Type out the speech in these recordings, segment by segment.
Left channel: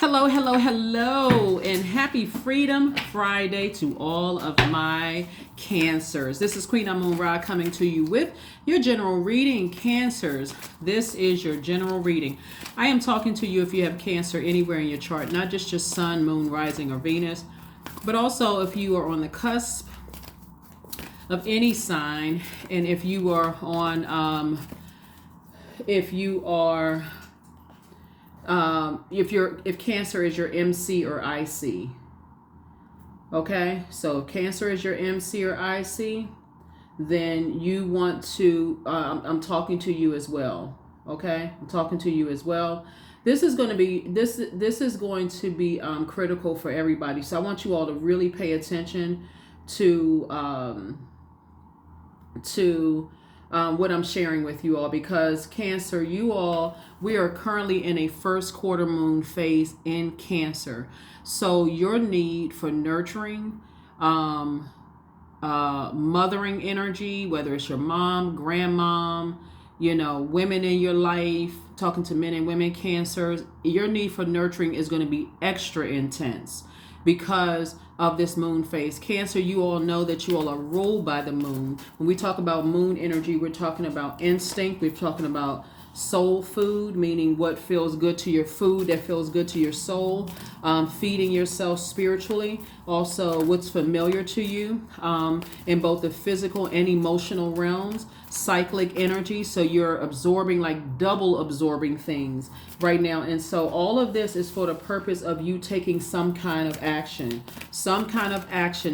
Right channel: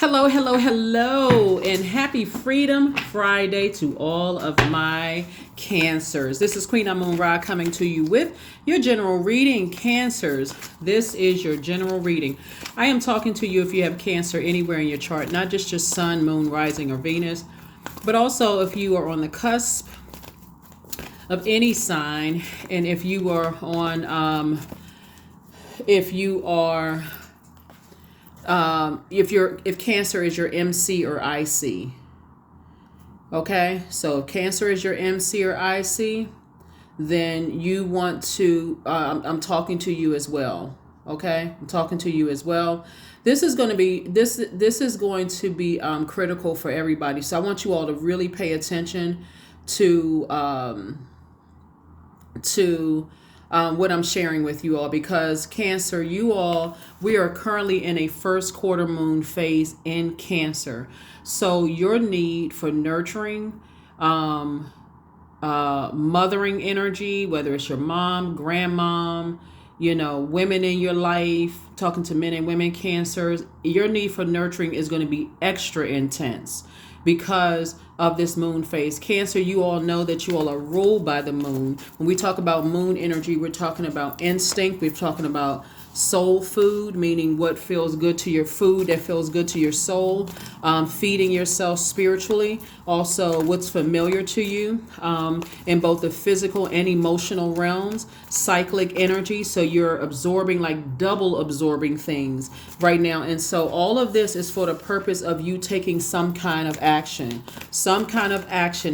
Hello, hello, hello, and happy Freedom Friday to all of my Cancers. This is Queen Moon Ra coming to you with your general reading, Cancers. This is your general reading. I am talking to you if you have Cancer anywhere in your chart, not just your Sun, Moon, Rising, or Venus, but also if you are on the cusp of any sign, and if you are on, if Cancer is your MC or IC. Okay, so if Cancer is your MC or IC, then you want to, I'm talking to you as well. Okay, I'm talking to you as well. This is going to be critical for everybody. So I want you all to really pay attention to what I'm sharing with you all, because Cancer, we are currently in a first quarter moon phase in Cancer. So your need for nurturing, mothering energy, whether it's your mom, grandmom, women in your life, talking to men and women Cancers, your need for nurturing is going to be extra intense because of this moon phase. Cancer, you all know that you all are ruled by the moon. When we talk about moon energy, we're talking about instinct. We're talking about soul food, meaning what feels good to your food, that feels good to your soul, feeding yourself spiritually. Also, what's familiar to you in both the physical and emotional realms, cyclic energy. So you're absorbing, like double absorbing things right now. And so all of this is for the purpose of you taking some kind of action,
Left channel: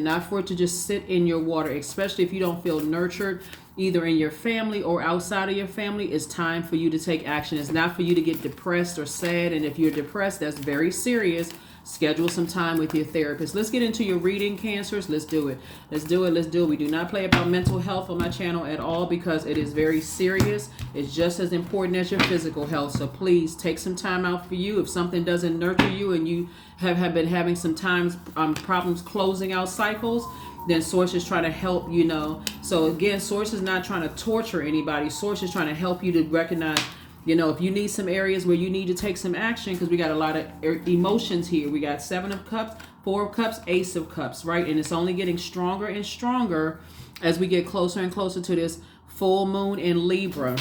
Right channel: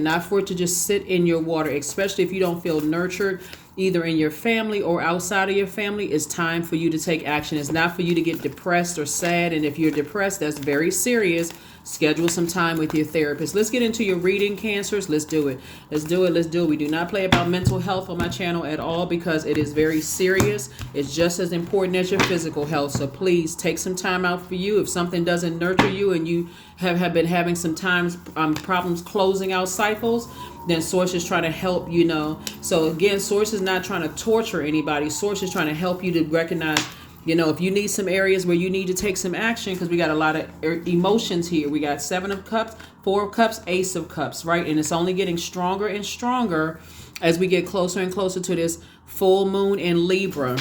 not for it to just sit in your water, especially if you don't feel nurtured either in your family or outside of your family. It's time for you to take action. It's not for you to get depressed or sad. And if you're depressed, that's very serious. Schedule some time with your therapist. Let's get into your reading, Cancers. Let's do it. We do not play about mental health on my channel at all, because it is very serious. It's just as important as your physical health. So please take some time out for you. If something doesn't nurture you and you have been having some times problems closing out cycles, then Source is trying to help, So again, Source is not trying to torture anybody. Source is trying to help you to recognize, if you need some areas where you need to take some action, because we got a lot of emotions here. We got 7 of Cups, 4 of Cups, Ace of Cups, right? And it's only getting stronger and stronger as we get closer and closer to this full moon in Libra.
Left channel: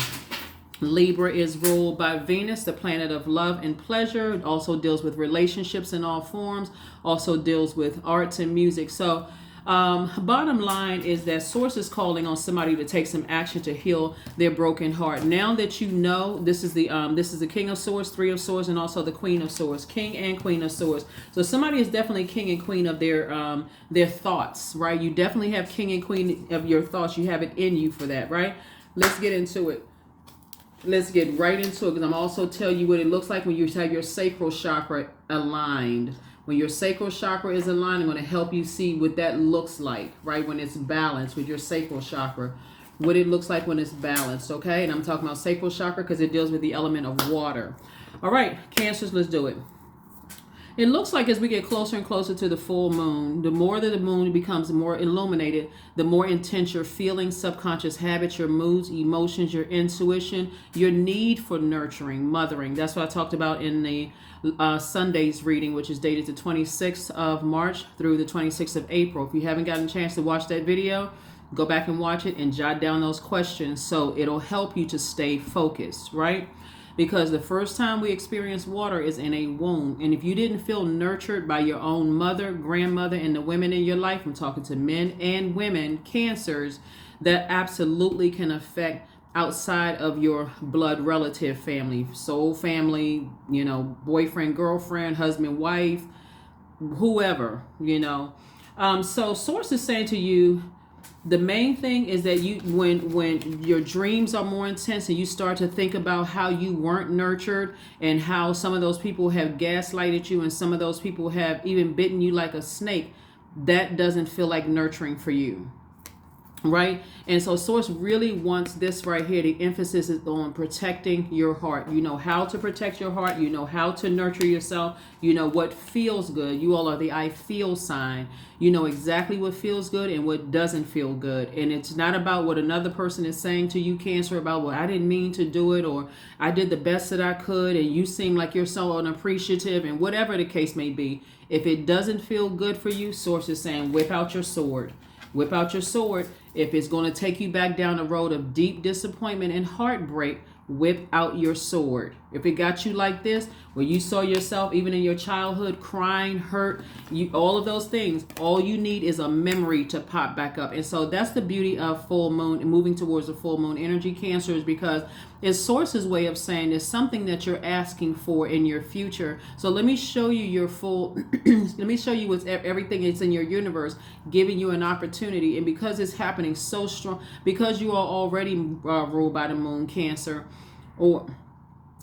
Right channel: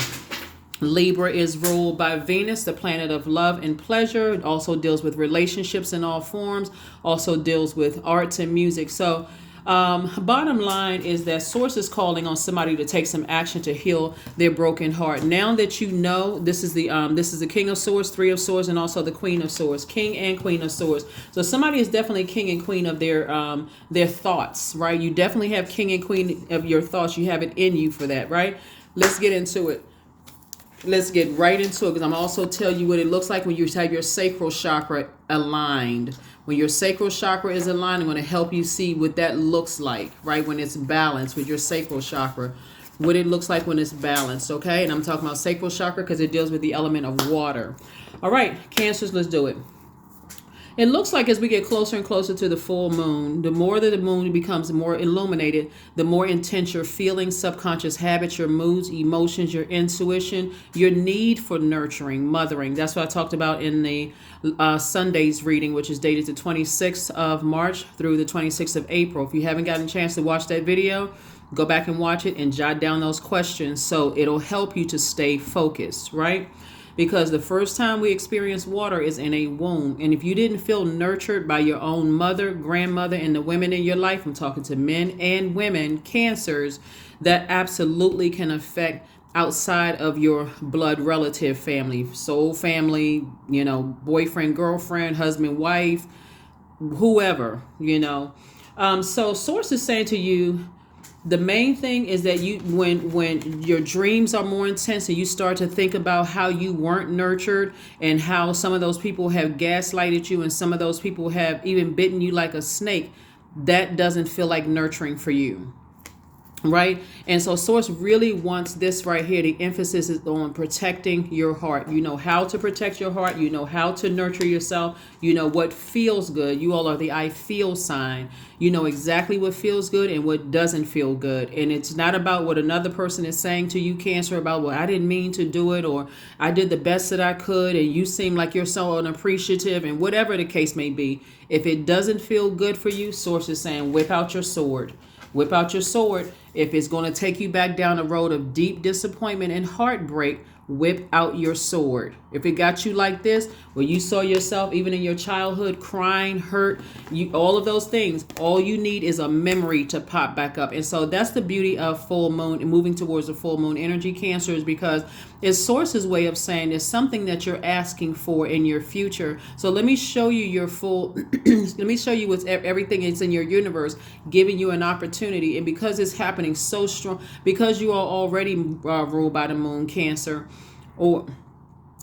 Libra is ruled by Venus, the planet of love and pleasure. It also deals with relationships in all forms, also deals with arts and music. So bottom line is that Source is calling on somebody to take some action to heal their broken heart. Now that you know, this is the King of Swords, 3 of Swords, and also the Queen of Swords, King and Queen of Swords. So somebody is definitely King and Queen of their thoughts, right? You definitely have King and Queen of your thoughts. You have it in you for that, right? Let's get into it. Let's get right into it, because I'm also tell you what it looks like when you have your sacral chakra aligned. When your sacral chakra is aligned, I'm going to help you see what that looks like, right? When it's balanced with your sacral chakra, what it looks like when it's balanced, okay? And I'm talking about sacral chakra because it deals with the element of water. All right, Cancers, let's do it. It looks like as we get closer and closer to the full moon, the more that the moon becomes more illuminated, the more intense your feelings, subconscious habits, your moods, emotions, your intuition, your need for nurturing, mothering. That's what I talked about in the Sunday's reading, which is dated the 26th of March through the 26th of April. If you haven't gotten a chance to watch that video, go back and watch it and jot down those questions so it'll help you to stay focused, right? Because the first time we experience water is in a womb. And if you didn't feel nurtured by your own mother, grandmother, and the women in your life, I'm talking to men and women, Cancers, that absolutely can affect outside of your blood relative family, soul family, boyfriend, girlfriend, husband, wife, whoever, So Source is saying to you, the main thing is that when your dreams are more intense and you start to think about how you weren't nurtured and how some of those people have gaslighted you and some of those people have even bitten you like a snake, that doesn't feel like nurturing for you. right? And so source really wants this right here. The emphasis is on protecting your heart. You know how to protect your heart. You know how to nurture yourself. You know what feels good. You all are the I feel sign. You know exactly what feels good and what doesn't feel good. And it's not about what another person is saying to you, Cancer, about, well, I didn't mean to do it, or I did the best that I could and you seem like you're so unappreciative, and whatever the case may be. If it doesn't feel good for you, source is saying, whip out your sword. Whip out your sword. If it's going to take you back down a road of deep disappointment and heartbreak, whip out your sword. If it got you like this, where you saw yourself even in your childhood crying, hurt, all of those things, all you need is a memory to pop back up. And so that's the beauty of full moon and moving towards the full moon energy, Cancer, is because it's source's way of saying there's something that you're asking for in your future. So let me show you your full, let me show you what's everything is in your universe, giving you an opportunity. And because it's happening so strong, because you are already ruled by the moon, Cancer, or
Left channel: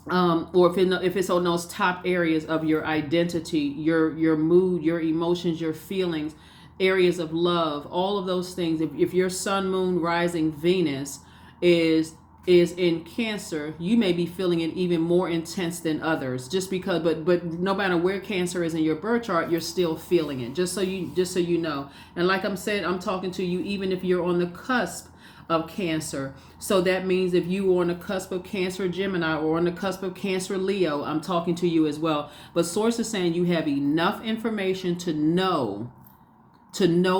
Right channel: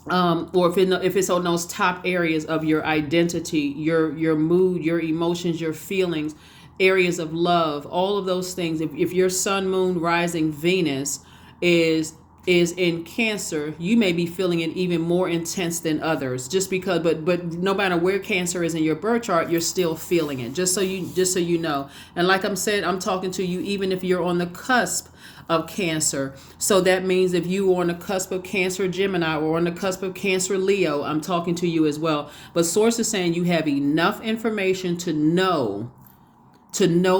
if it's on those top areas of your identity, your mood, your emotions, your feelings, areas of love, all of those things. If your sun, moon, rising, Venus is in Cancer, you may be feeling it even more intense than others, just because, but no matter where Cancer is in your birth chart, you're still feeling it, just so you know. And like I'm saying, I'm talking to you even if you're on the cusp of Cancer. So that means if you are on the cusp of Cancer Gemini, or on the cusp of Cancer Leo, I'm talking to you as well. But source is saying you have enough information to know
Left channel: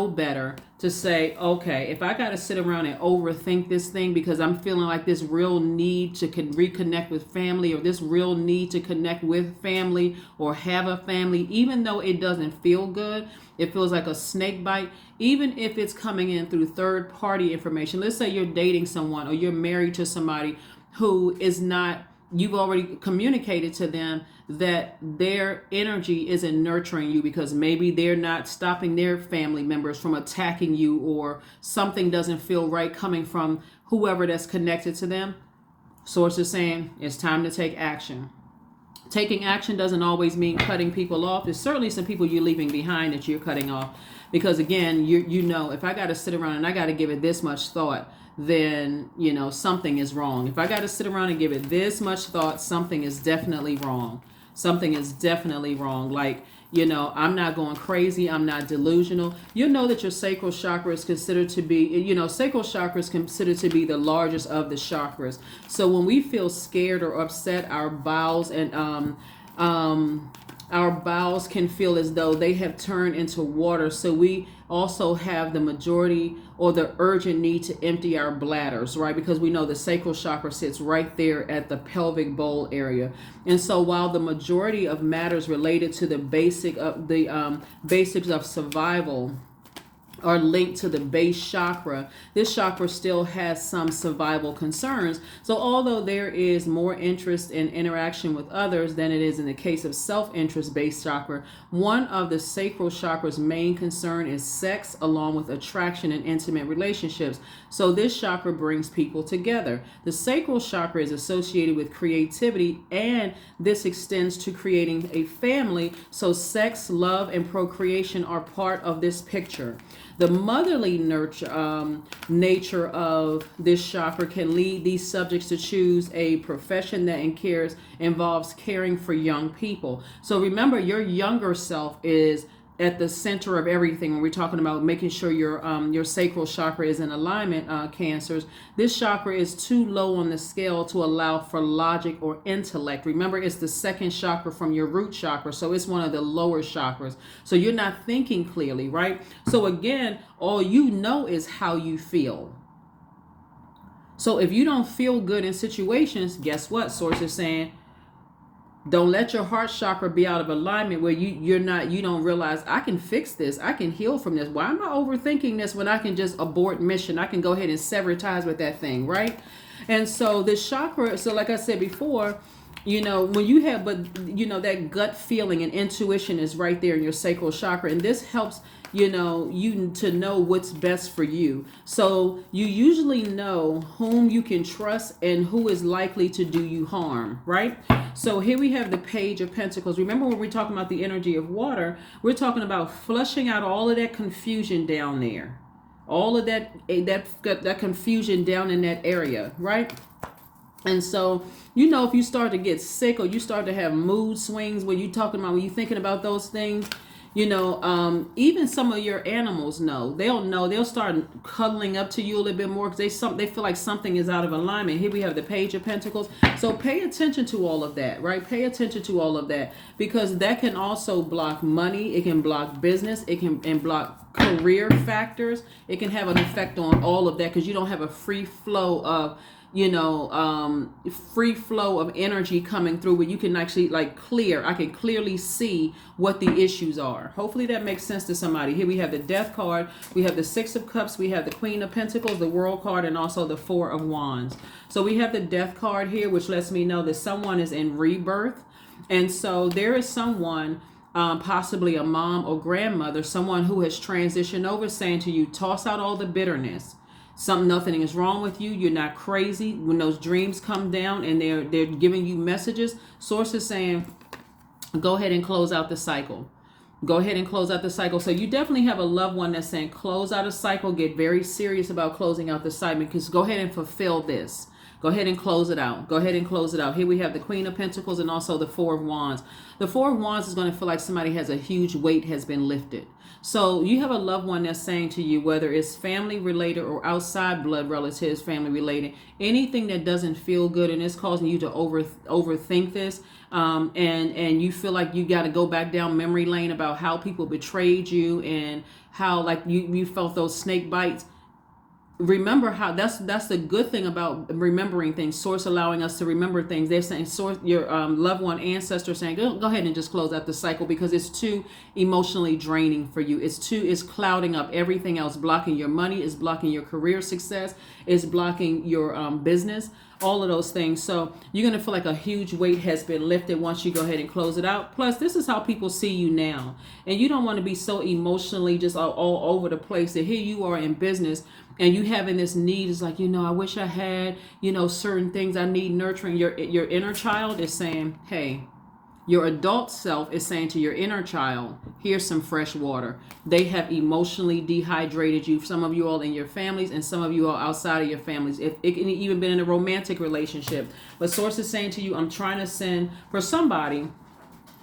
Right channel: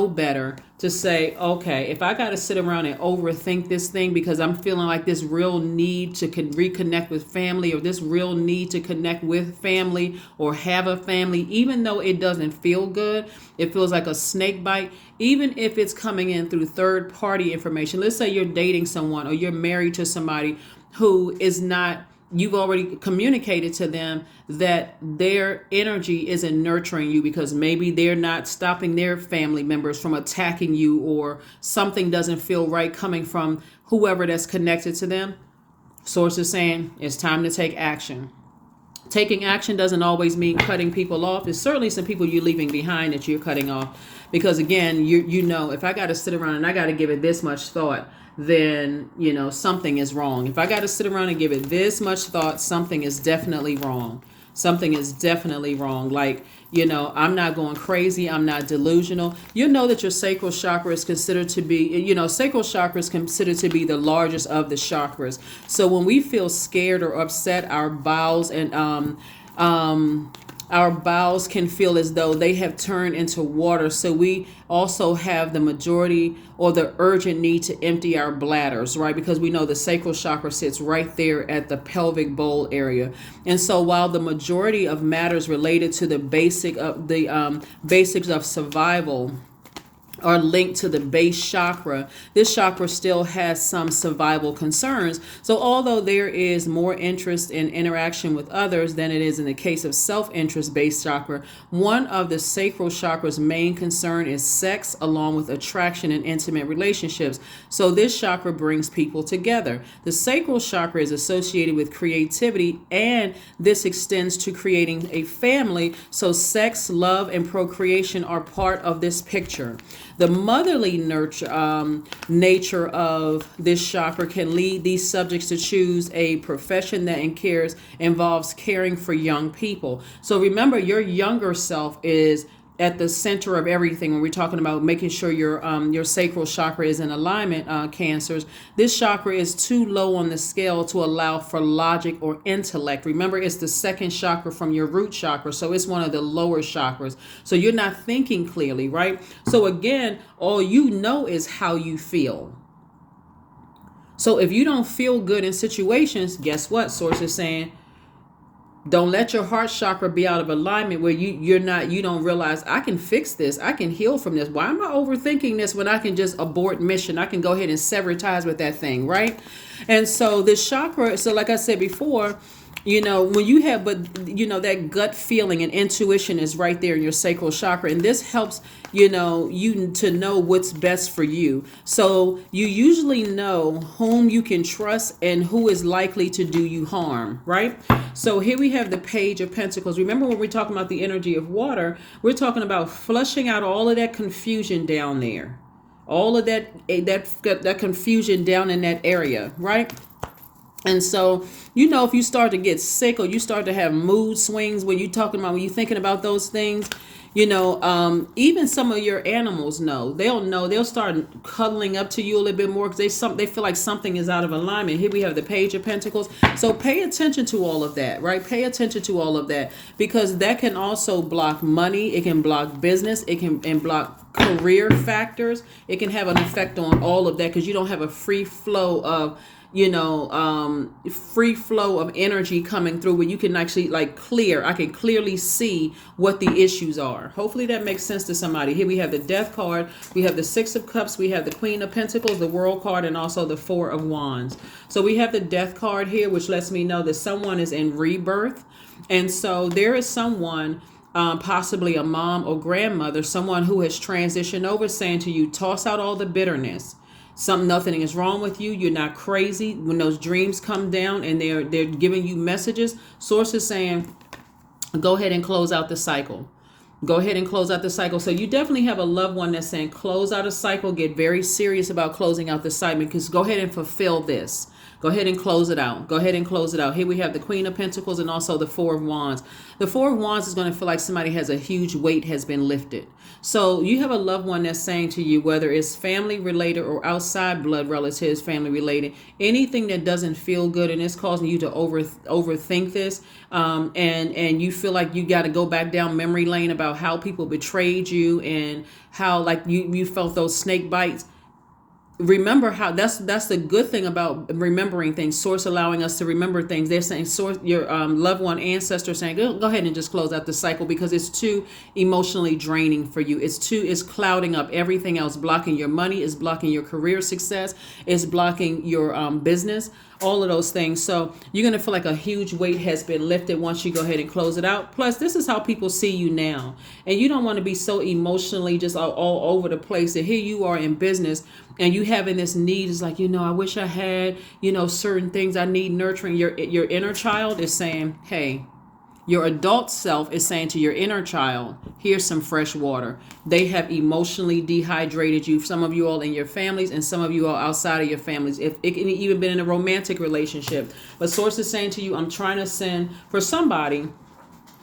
better, to say, okay, if I got to sit around and overthink this thing because I'm feeling like this real need to reconnect with family, or this real need to connect with family or have a family, even though it doesn't feel good, it feels like a snake bite, even if it's coming in through third party information. Let's say you're dating someone or you're married to somebody who is not, you've already communicated to them that their energy isn't nurturing you because maybe they're not stopping their family members from attacking you, or something doesn't feel right coming from whoever that's connected to them. Source is saying it's time to take action. Taking action doesn't always mean cutting people off. There's certainly some people you're leaving behind that you're cutting off, because again, you know, if I got to sit around and I got to give it this much thought, then something is wrong. If I got to sit around and give it this much thought, something is definitely wrong. Something is definitely wrong. Like, I'm not going crazy. I'm not delusional. You know that your sacral chakra is considered to be, sacral chakra is considered to be the largest of the chakras. So when we feel scared or upset, our bowels can feel as though they have turned into water. So we also have the majority or the urgent need to empty our bladders, right? Because we know the sacral chakra sits right there at the pelvic bowl area. And so while the majority of matters related to the basics of survival are linked to the base chakra, this chakra still has some survival concerns. So although there is more interest in interaction with others than it is in the case of self-interest based chakra, one of the sacral chakra's main concern is sex, along with attraction and intimate relationships. So this chakra brings people together. The sacral chakra is associated with creativity, and this extends to creating a family. So sex, love, and procreation are part of this picture. The motherly nature of this chakra can lead these subjects to choose a profession that involves caring for young people. So remember, your younger self is at the center of everything when we're talking about making sure your sacral chakra is in alignment, Cancers. This chakra is too low on the scale to allow for logic or intellect. Remember, it's the second chakra from your root chakra, so it's one of the lower chakras. So you're not thinking clearly, right? So again, all you know is how you feel. So if you don't feel good in situations, guess what? Source is saying, don't let your heart chakra be out of alignment where you don't realize, I can fix this. I can heal from this. Why am I overthinking this when I can just abort mission? I can go ahead and sever ties with that thing, right? And so this chakra, so like I said before, when you have, that gut feeling and intuition is right there in your sacral chakra. And this helps, you to know what's best for you. So you usually know whom you can trust and who is likely to do you harm, right? So here we have the Page of Pentacles. Remember when we're talking about the energy of water, we're talking about flushing out all of that confusion down there. All of that confusion down in that area, right? And so, if you start to get sick or you start to have mood swings when when you're thinking about those things, even some of your animals they'll start cuddling up to you a little bit more because they feel like something is out of alignment. Here we have the Page of Pentacles. So pay attention to all of that, right? Pay attention to all of that, because that can also block money. It can block business. It can and block career factors. It can have an effect on all of that because you don't have a free flow of free flow of energy coming through where you can actually I can clearly see what the issues are. Hopefully that makes sense to somebody. Here we have the Death card, we have the Six of Cups, we have the Queen of Pentacles, the World card, and also the Four of Wands. So we have the Death card here, which lets me know that someone is in rebirth. And so there is someone, possibly a mom or grandmother, someone who has transitioned over, saying to you, toss out all the bitterness. Nothing is wrong with you. You're not crazy. When those dreams come down and they're giving you messages, source is saying, go ahead and close out the cycle. Go ahead and close out the cycle. So you definitely have a loved one that's saying, close out a cycle. Get very serious about closing out the cycle, because go ahead and fulfill this. Go ahead and close it out. Go ahead and close it out. Here we have the Queen of Pentacles and also the Four of Wands. The Four of Wands is going to feel like somebody has a huge weight has been lifted. So you have a loved one that's saying to you, whether it's family related or outside blood relatives, family related, anything that doesn't feel good and it's causing you to overthink this, and you feel like you got to go back down memory lane about how people betrayed you and how you felt those snake bites. Remember how that's the good thing about remembering things. Source allowing us to remember things. They're saying, source, your loved one, ancestor saying, go ahead and just close out the cycle because it's too emotionally draining for you. It's clouding up everything else, blocking your money, it's blocking your career success, it's blocking your business, all of those things. So you're going to feel like a huge weight has been lifted once you go ahead and close it out. Plus, this is how people see you now. And you don't want to be so emotionally just all over the place that here you are in business and you having this need is like, I wish I had, certain things I need nurturing. Your inner child is saying, hey, your adult self is saying to your inner child, here's some fresh water. They have emotionally dehydrated you. Some of you all in your families and some of you all outside of your families. If it can even been in a romantic relationship. But source is saying to you, I'm trying to send for somebody.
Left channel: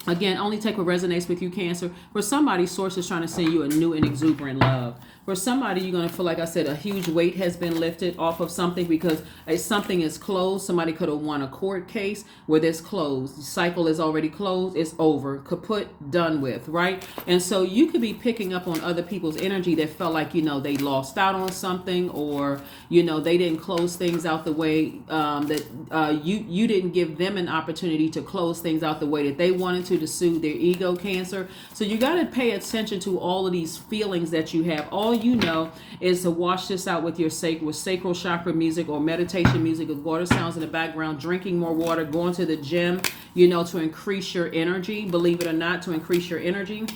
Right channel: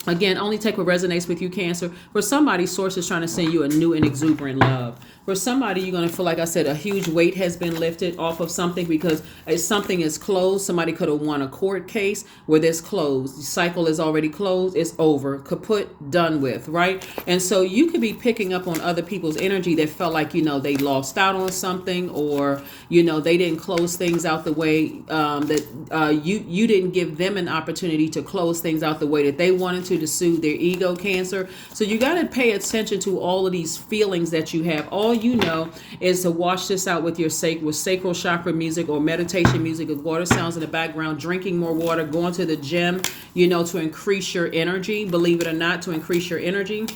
Again, only take what resonates with you, Cancer. For somebody, source is trying to send you a new and exuberant love. For somebody, you're going to feel, like I said, a huge weight has been lifted off of something because something is closed. Somebody could have won a court case where this closed. The cycle is already closed. It's over. Kaput, done with, right? And so you could be picking up on other people's energy that felt like, they lost out on something, or, they didn't close things out the way that you didn't give them an opportunity to close things out the way that they wanted to soothe their ego, Cancer. So you got to pay attention to all of these feelings that you have. All you know is to wash this out with your sacral chakra music or meditation music with water sounds in the background, drinking more water, going to the gym, to increase your energy, believe it or not, to increase your energy.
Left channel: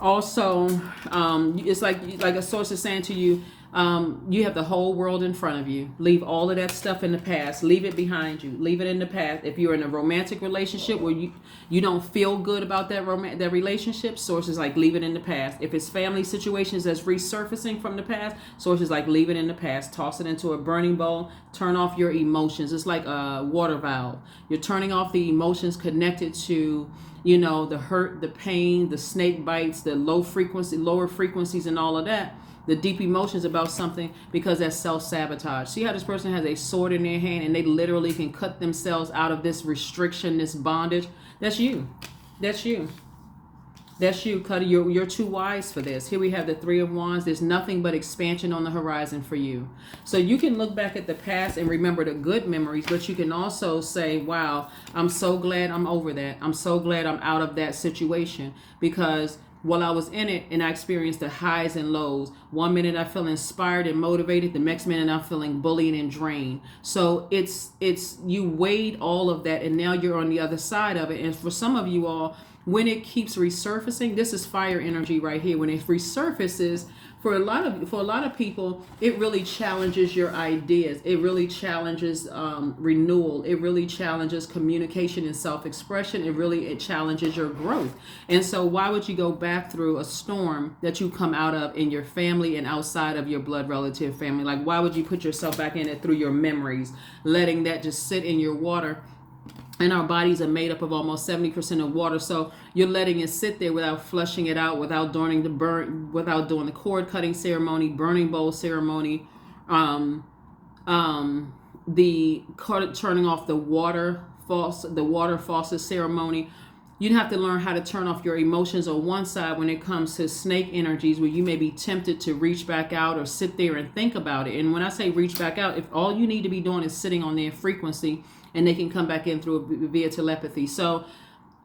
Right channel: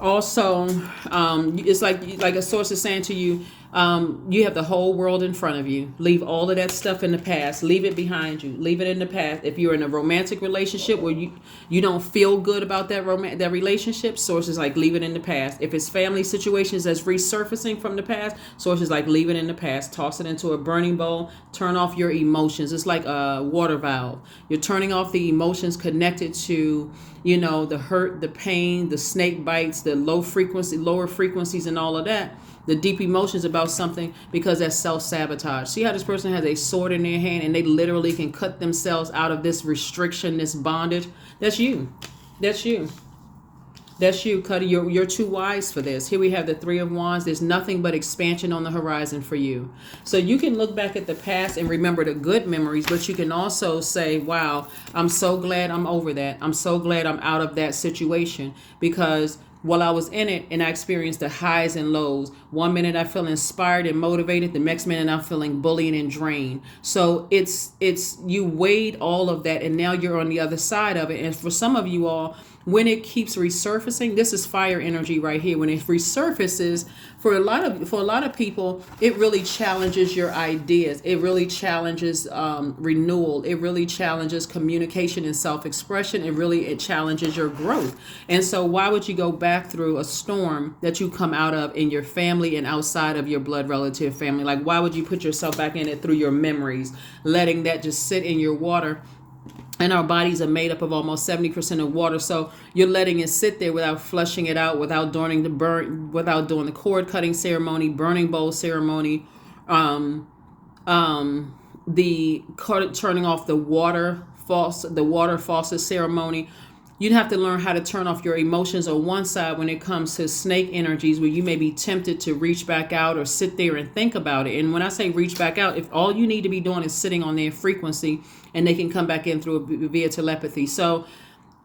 Also, it's like a source is saying to you, you have the whole world in front of you. Leave all of that stuff in the past. Leave it behind you. Leave it in the past. If you're in a romantic relationship where you don't feel good about that relationship, source is like, leave it in the past. If it's family situations that's resurfacing from the past, source is like, leave it in the past. Toss it into a burning bowl. Turn off your emotions. It's like a water valve. You're turning off the emotions connected to the hurt, the pain, the snake bites, the lower frequencies and all of that. The deep emotions about something, because that's self-sabotage. See how this person has a sword in their hand and they literally can cut themselves out of this restriction, this bondage? That's you. That's you. That's you, Cuddy. You're too wise for this. Here we have the Three of Wands. There's nothing but expansion on the horizon for you. So you can look back at the past and remember the good memories, but you can also say, wow, I'm so glad I'm over that. I'm so glad I'm out of that situation, because while I was in it and I experienced the highs and lows, one minute I feel inspired and motivated, the next minute I'm feeling bullied and drained. So it's you weighed all of that and now you're on the other side of it. And for some of you all, when it keeps resurfacing, this is fire energy right here. When it resurfaces, for a lot of people, it really challenges your ideas. It really challenges renewal. It really challenges communication and self-expression. It challenges your growth. And so why would you go back through a storm that you come out of in your family and outside of your blood relative family? Like, why would you put yourself back in it through your memories, letting that just sit in your water? And our bodies are made up of almost 70% of water. So you're letting it sit there without flushing it out, without doing the cord cutting ceremony, burning bowl ceremony, turning off the water faucet ceremony. You'd have to learn how to turn off your emotions on one side when it comes to snake energies, where you may be tempted to reach back out or sit there and think about it. And when I say reach back out, if all you need to be doing is sitting on their frequency, and they can come back in via telepathy. So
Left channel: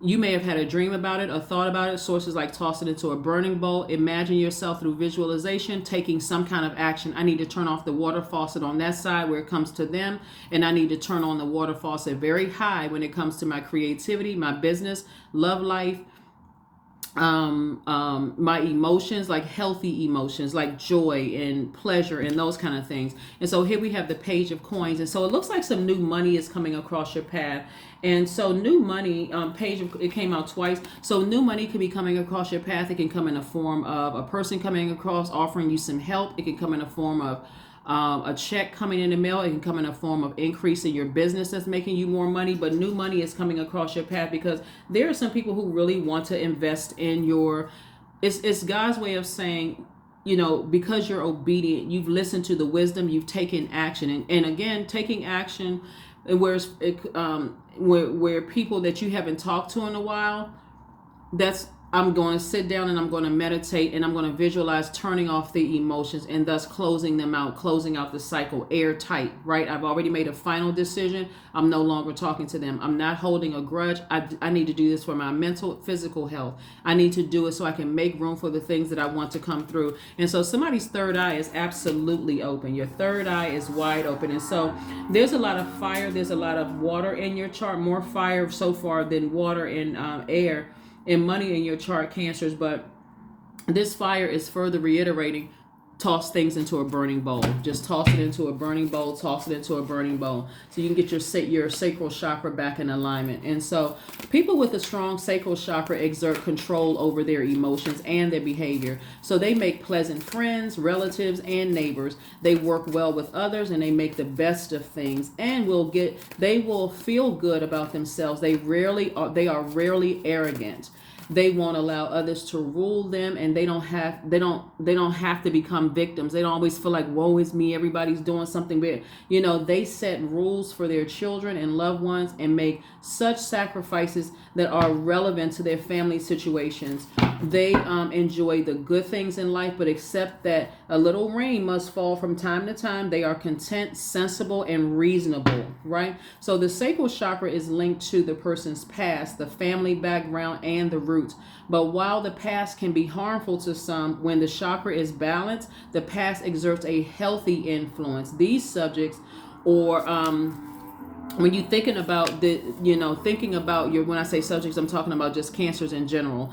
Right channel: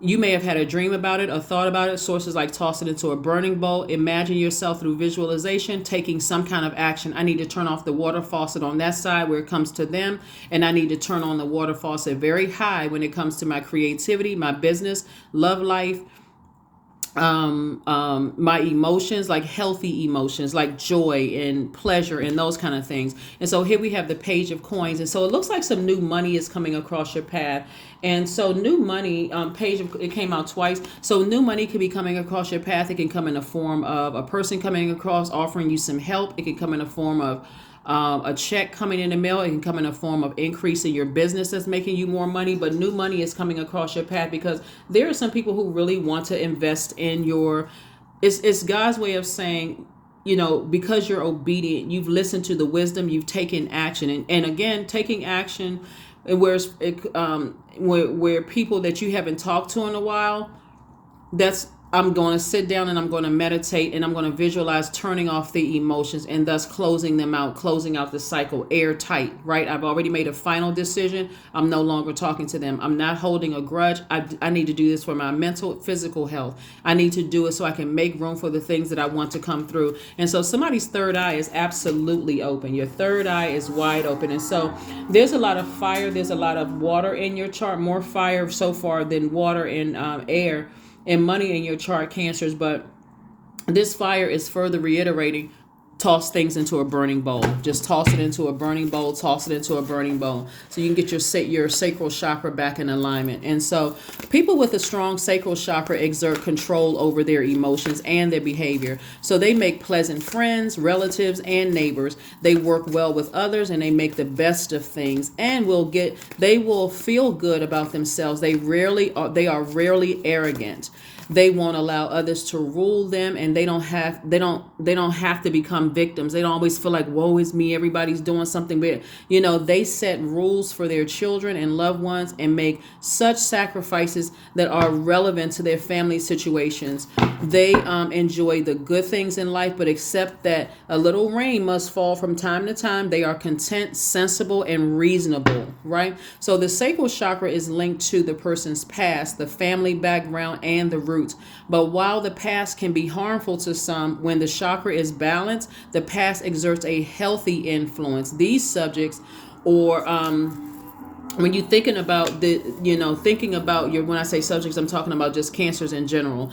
you may have had a dream about it, a thought about it. Sources like toss it into a burning bowl. Imagine yourself through visualization taking some kind of action. I need to turn off the water faucet on that side where it comes to them, and I need to turn on the water faucet very high when it comes to my creativity, my business, love life, my emotions, like healthy emotions, like joy and pleasure and those kind of things. And so here we have the Page of Coins, and so it looks like some new money is coming across your path. And so new money, it came out twice. So new money can be coming across your path. It can come in the form of a person coming across offering you some help. It can come in the form of a check coming in the mail. It can come in a form of increase in your business that's making you more money. But new money is coming across your path because there are some people who really want to invest in your. It's God's way of saying, because you're obedient, you've listened to the wisdom, you've taken action, and again, taking action, and where people that you haven't talked to in a while, I'm going to sit down and I'm going to meditate and I'm going to visualize turning off the emotions and thus closing out the cycle airtight, right? I've already made a final decision. I'm no longer talking to them. I'm not holding a grudge. I need to do this for my mental, physical health. I need to do it so I can make room for the things that I want to come through. And so somebody's third eye is absolutely open. Your third eye is wide open. And so there's a lot of fire. There's a lot of water in your chart, more fire so far than water and air and money in your chart, Cancers. But this fire is further reiterating, toss things into a burning bowl. Just toss it into a burning bowl, toss it into a burning bowl, so you can get your sacral chakra back in alignment. And so people with a strong sacral chakra exert control over their emotions and their behavior. So they make pleasant friends, relatives, and neighbors. They work well with others, and they make the best of things, and they will feel good about themselves. They are rarely arrogant. They won't allow others to rule them, and they don't have to become victims. They don't always feel like, woe is me, everybody's doing something bad. They set rules for their children and loved ones and make such sacrifices that are relevant to their family situations. They enjoy the good things in life, but accept that a little rain must fall from time to time. They are content, sensible, and reasonable, right? So the sacral chakra is linked to the person's past, the family background, and the roots. But while the past can be harmful to some, when the chakra is balanced, the past exerts a healthy influence. These subjects, or when you're thinking about when I say subjects, I'm talking about just Cancers in general,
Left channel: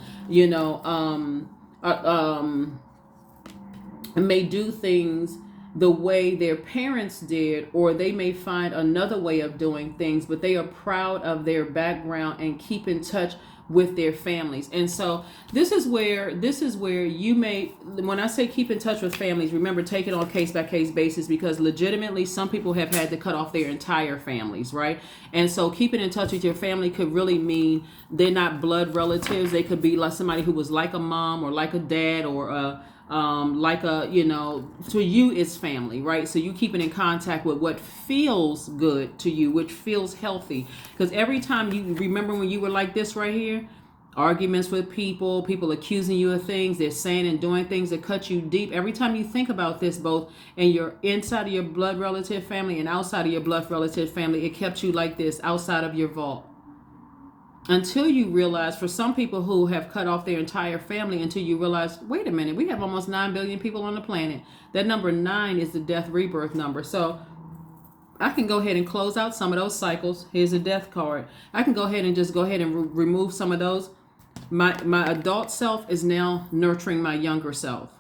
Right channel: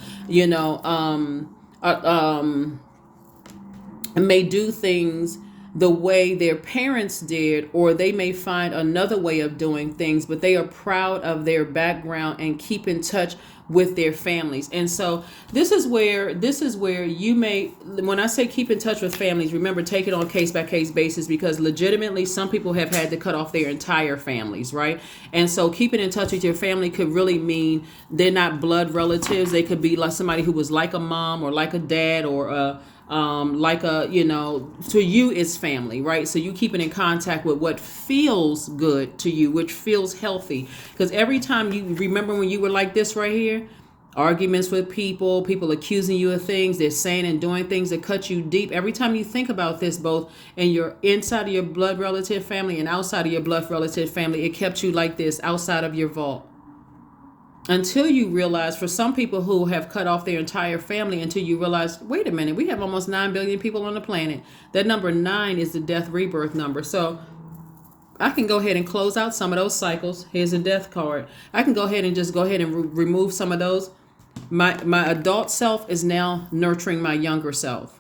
may do things the way their parents did, or they may find another way of doing things, but they are proud of their background and keep in touch with their families. And so this is where you may, when I say keep in touch with families, remember, take it on a case by case basis, because legitimately some people have had to cut off their entire families, right? And so keeping in touch with your family could really mean they're not blood relatives. They could be like somebody who was like a mom or like a dad, or to you it's family, right? So you keeping in contact with what feels good to you, which feels healthy. Because every time you remember when you were like this right here, arguments with people accusing you of things, they're saying and doing things that cut you deep. Every time you think about this, both in your inside of your blood relative family and outside of your blood relative family, it kept you like this outside of your vault. Until you realize, for some people who have cut off their entire family, until you realize, wait a minute, we have almost 9 billion people on the planet. That number 9 is the death rebirth number. So I can go ahead and close out some of those cycles. Here's a death card. I can go ahead and remove some of those. My adult self is now nurturing my younger self.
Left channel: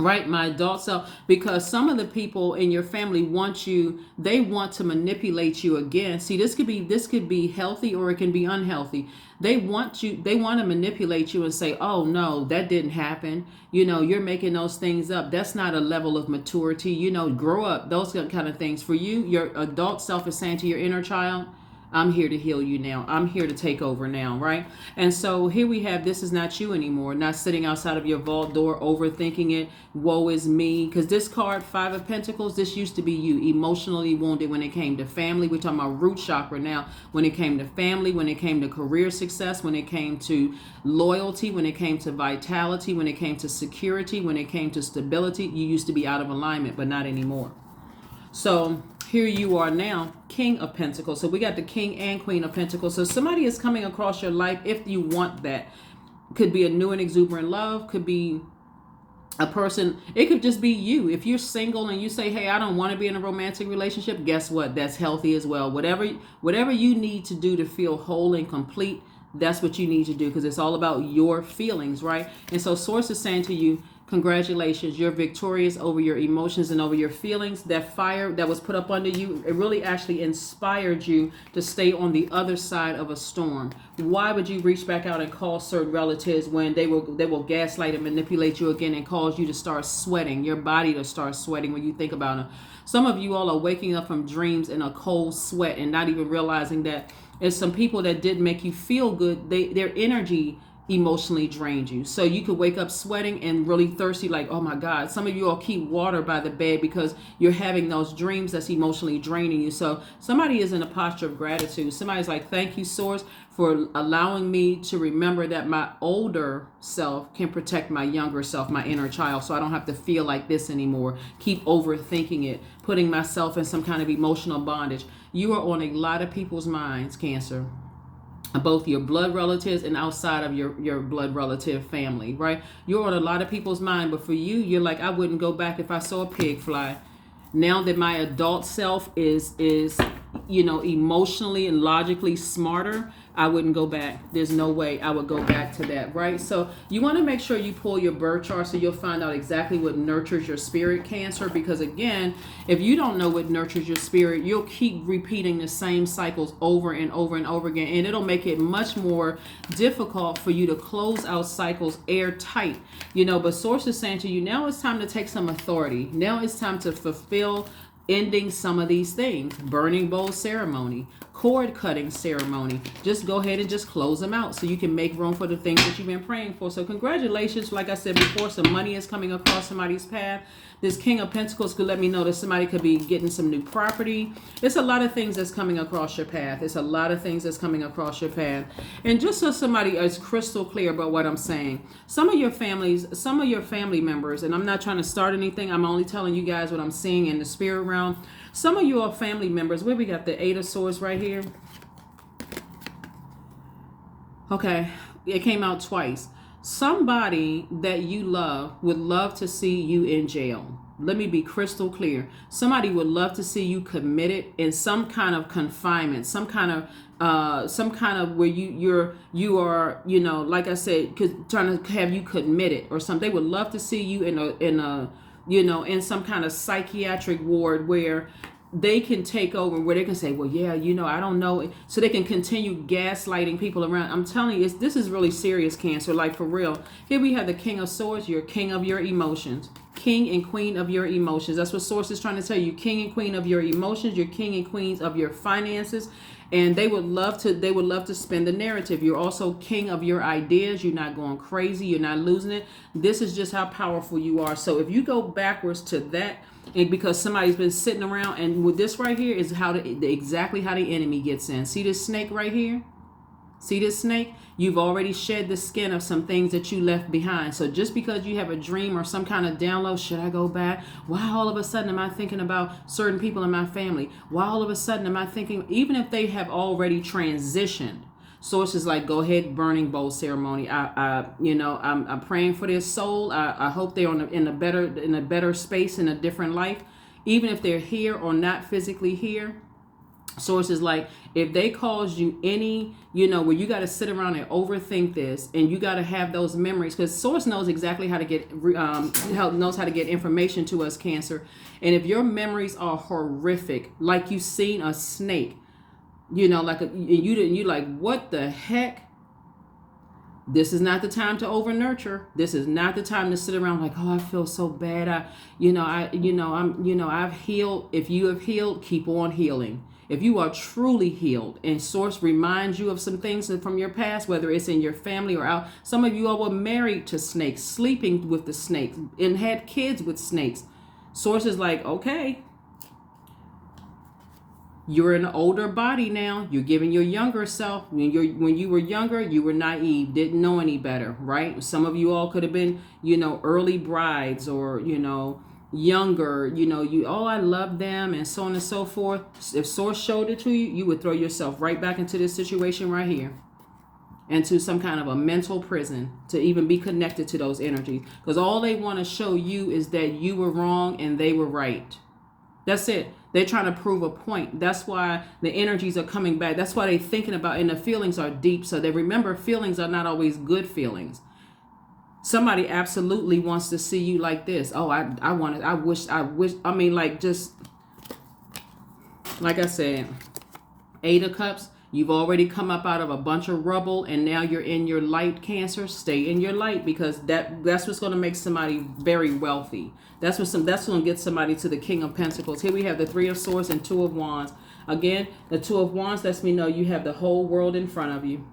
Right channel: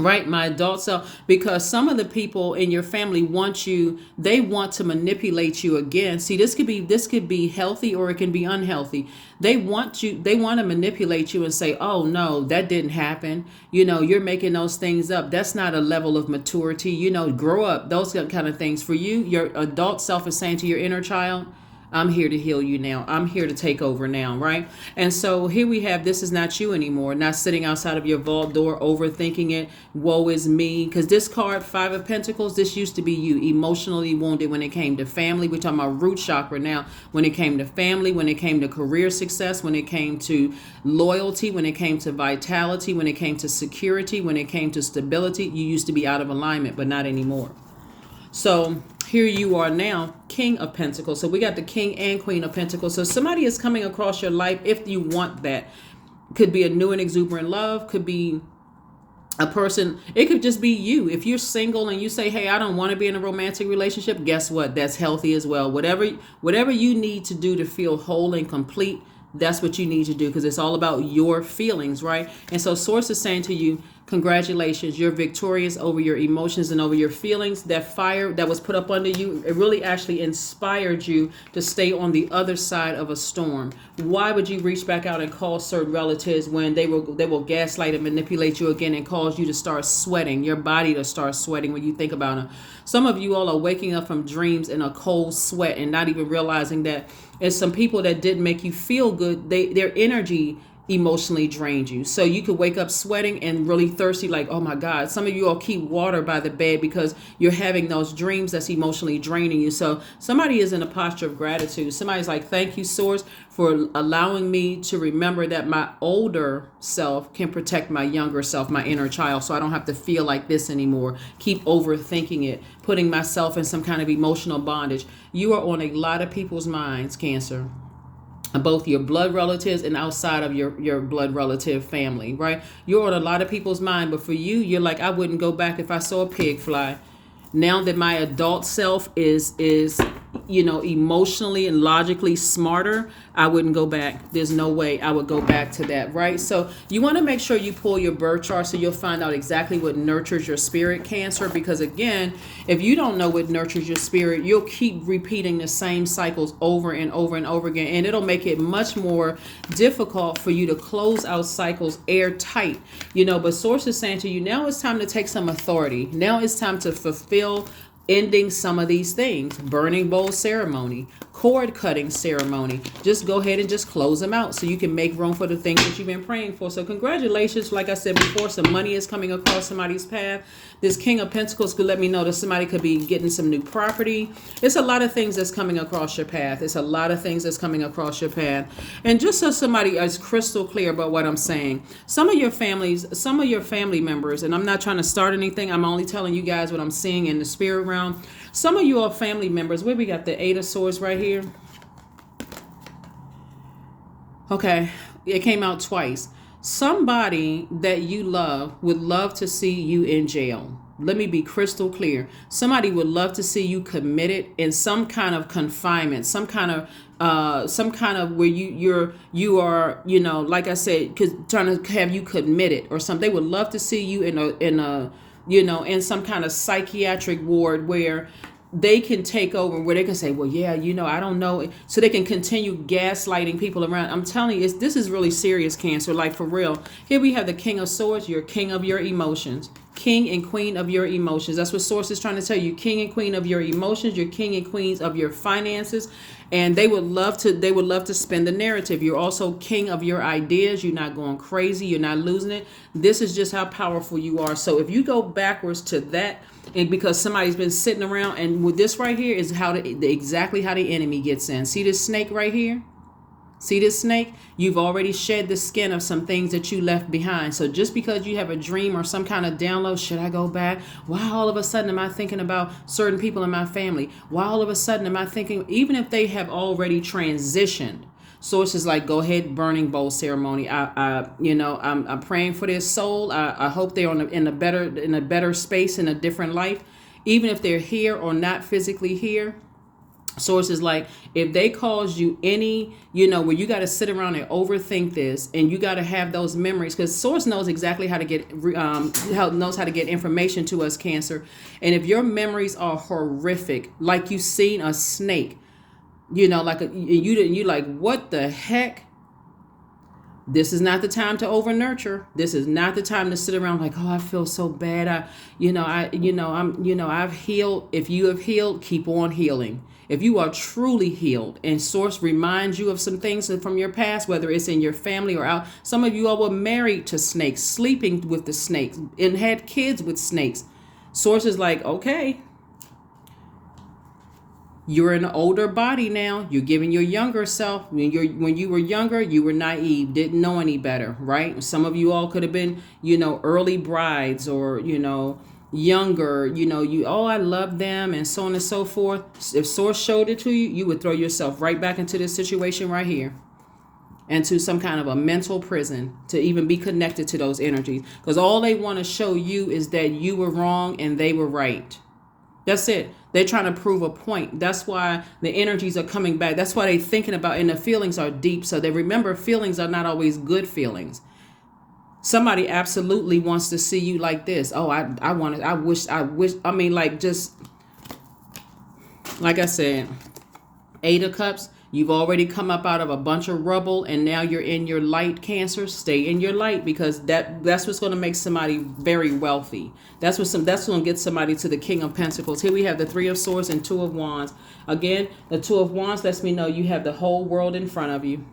Right, my adult self, because some of the people in your family want you, they want to manipulate you again. See, this could be healthy or it can be unhealthy. They want to manipulate you and say, "Oh no, that didn't happen. You're making those things up. That's not a level of maturity. Grow up." Those kind of things. For you, your adult self is saying to your inner child, "I'm here to heal you now. I'm here to take over now," right? And so here we have, this is not you anymore, not sitting outside of your vault door overthinking it. Woe is me. Because this card, Five of Pentacles, this used to be you, emotionally wounded when it came to family. We're talking about root chakra now. When it came to family, when it came to career success, when it came to loyalty, when it came to vitality, when it came to security, when it came to stability, you used to be out of alignment, but not anymore. So here you are now, King of Pentacles. So we got the King and Queen of Pentacles. So somebody is coming across your life if you want that. Could be a new and exuberant love. Could be a person. It could just be you. If you're single and you say, "Hey, I don't want to be in a romantic relationship," guess what? That's healthy as well. Whatever you need to do to feel whole and complete, that's what you need to do, because it's all about your feelings, right? And so Source is saying to you, congratulations, you're victorious over your emotions and over your feelings. That fire that was put up under you, it really actually inspired you to stay on the other side of a storm. Why would you reach back out and call certain relatives when they will gaslight and manipulate you again and cause you to start sweating, your body to start sweating when you think about them? Some of you all are waking up from dreams in a cold sweat and not even realizing that it's some people that didn't make you feel good. Their energy emotionally drained you. So you could wake up sweating and really thirsty, like, oh my God. Some of you all keep water by the bed because you're having those dreams that's emotionally draining you. So somebody is in a posture of gratitude. Somebody's like, thank you, Source, for allowing me to remember that my older self can protect my younger self, my inner child, so I don't have to feel like this anymore. Keep overthinking it, putting myself in some kind of emotional bondage. You are on a lot of people's minds, Cancer, both your blood relatives and outside of your blood relative family, right? You're on a lot of people's mind, but for you, you're like, I wouldn't go back if I saw a pig fly. Now that my adult self is emotionally and logically smarter, I wouldn't go back. There's no way I would go back to that, right? So you want to make sure you pull your birth chart so you'll find out exactly what nurtures your spirit, Cancer, because again, if you don't know what nurtures your spirit, you'll keep repeating the same cycles over and over and over again, and it'll make it much more difficult for you to close out cycles airtight, but Source is saying to you, now it's time to take some authority. Now it's time to fulfill ending some of these things. Burning bowl ceremony, cord cutting ceremony. Just go ahead and just close them out so you can make room for the things that you've been praying for. So congratulations. Like I said before, some money is coming across somebody's path. This King of Pentacles could let me know that somebody could be getting some new property. It's a lot of things that's coming across your path. It's a lot of things that's coming across your path. And just so somebody is crystal clear about what I'm saying, some of your family members, and I'm not trying to start anything, I'm only telling you guys what I'm seeing in the spirit realm. Some of you are family members. Where we got the Eight of Swords right here. Okay, it came out twice. Somebody that you love would love to see you in jail. Let me be crystal clear. Somebody would love to see you committed in some kind of confinement, some kind of where you are, like I said, trying to have you committed or something. They would love to see you in some kind of psychiatric ward where they can take over, where they can say, well, yeah, I don't know. So they can continue gaslighting people around. I'm telling you, this is really serious, Cancer, like for real. Here we have the King of Swords. You're king of your emotions. King and queen of your emotions. That's what Source is trying to tell you. King and queen of your emotions. You're king and queens of your finances. And they would love to spin the narrative. You're also king of your ideas. You're not going crazy. You're not losing it. This is just how powerful you are. So if you go backwards to that, and because somebody's been sitting around, and with this right here is exactly how the enemy gets in. See this snake right here? See this snake? You've already shed the skin of some things that you left behind. So just because you have a dream or some kind of download, should I go back? Why all of a sudden am I thinking about certain people in my family? Why all of a sudden am I thinking, even if they have already transitioned? Sources like, go ahead, burning bowl ceremony. I'm praying for their soul. I hope they're in a better space, in a different life, even if they're here or not physically here. Source is like, if they cause you any, where you got to sit around and overthink this, and you got to have those memories, because Source knows exactly how to get knows how to get information to us, Cancer. And if your memories are horrific, like you've seen a snake, like you like, what the heck? This is not the time to over nurture. This is not the time to sit around like, oh, I feel so bad. I've healed. If you have healed, keep on healing. If you are truly healed, and Source reminds you of some things from your past, whether it's in your family or out, some of you all were married to snakes, sleeping with the snakes, and had kids with snakes. Source is like, okay, you're in an older body now. You're giving your younger self. When you were younger, you were naive, didn't know any better, right? Some of you all could have been, early brides, or, younger, I love them, and so on and so forth. If Source showed it to you, you would throw yourself right back into this situation right here, and to some kind of a mental prison, to even be connected to those energies, because all they want to show you is that you were wrong and they were right. That's it. They're trying to prove a point. That's why the energies are coming back. That's why they're thinking about, and the feelings are deep. So they remember, feelings are not always good feelings. Somebody absolutely wants to see you like this. Oh, I wish, just like I said, 8 of Cups, you've already come up out of a bunch of rubble, and now you're in your light, Cancer. Stay in your light, because that's what's going to make somebody very wealthy. That's going to get somebody to the King of Pentacles. Here we have the 3 of Swords and 2 of Wands. Again, the 2 of Wands lets me know you have the whole world in front of you.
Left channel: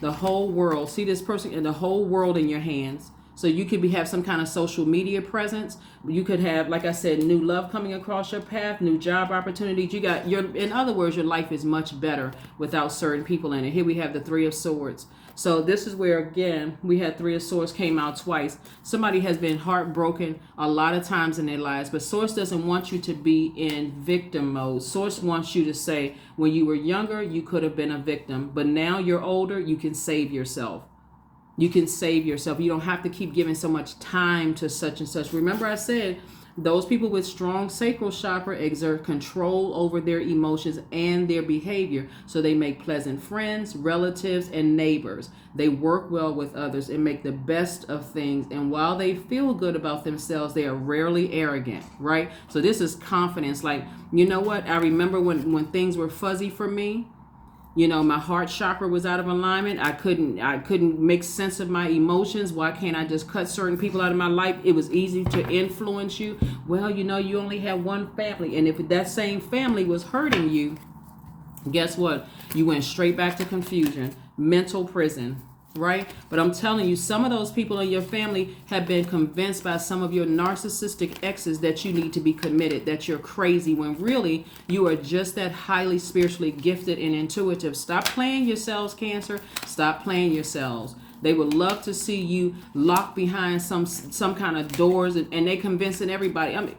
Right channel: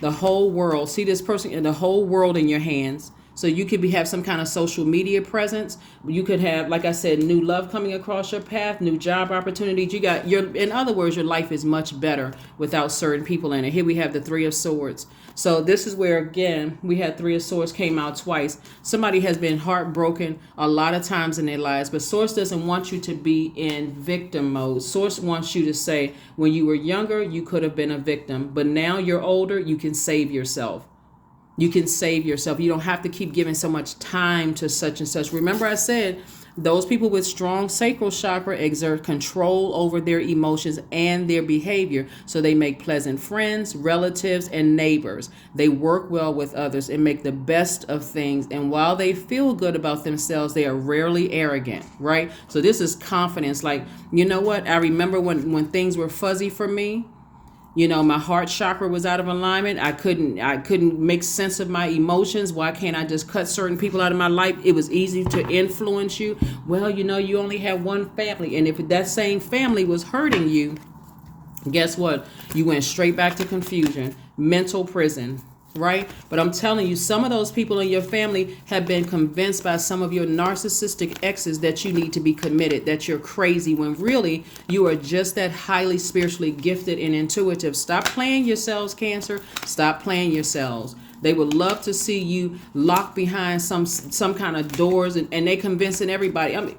The whole world. See this person and the whole world in your hands. So you could have some kind of social media presence. You could have, like I said, new love coming across your path, new job opportunities. In other words, your life is much better without certain people in it. Here we have the 3 of Swords. So this is where, again, we had 3 of Swords came out twice. Somebody has been heartbroken a lot of times in their lives, but Source doesn't want you to be in victim mode. Source wants you to say, when you were younger, you could have been a victim, but now you're older, you can save yourself. You can save yourself. You don't have to keep giving so much time to such and such. Remember, I said those people with strong sacral chakra exert control over their emotions and their behavior. So they make pleasant friends, relatives, and neighbors. They work well with others and make the best of things. And while they feel good about themselves, they are rarely arrogant, right? So this is confidence. Like, you know what? I remember when things were fuzzy for me. My heart chakra was out of alignment. I couldn't make sense of my emotions. Why can't I just cut certain people out of my life? It was easy to influence you. Well, you only have one family. And if that same family was hurting you, guess what? You went straight back to confusion, mental prison, right? But I'm telling you, some of those people in your family have been convinced by some of your narcissistic exes that you need to be committed, that you're crazy, when really you are just that highly spiritually gifted and intuitive. Stop playing yourselves, Cancer. Stop playing yourselves. They would love to see you locked behind some kind of doors, and they convincing everybody. I mean,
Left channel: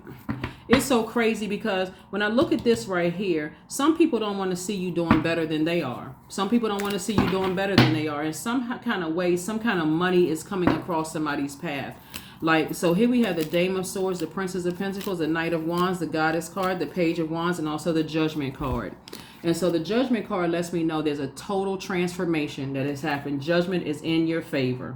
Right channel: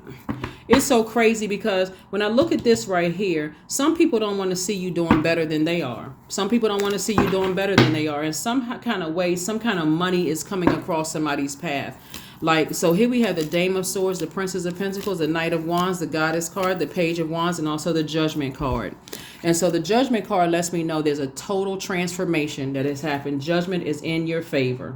it's so crazy, because when I look at this right here, some people don't want to see you doing better than they are. Some people don't want to see you doing better than they are. In some kind of way, some kind of money is coming across somebody's path. Like, so here we have the Dame of Swords, the Princess of Pentacles, the Knight of Wands, the Goddess card, the Page of Wands, and also the Judgment card. And so the Judgment card lets me know there's a total transformation that has happened. Judgment is in your favor.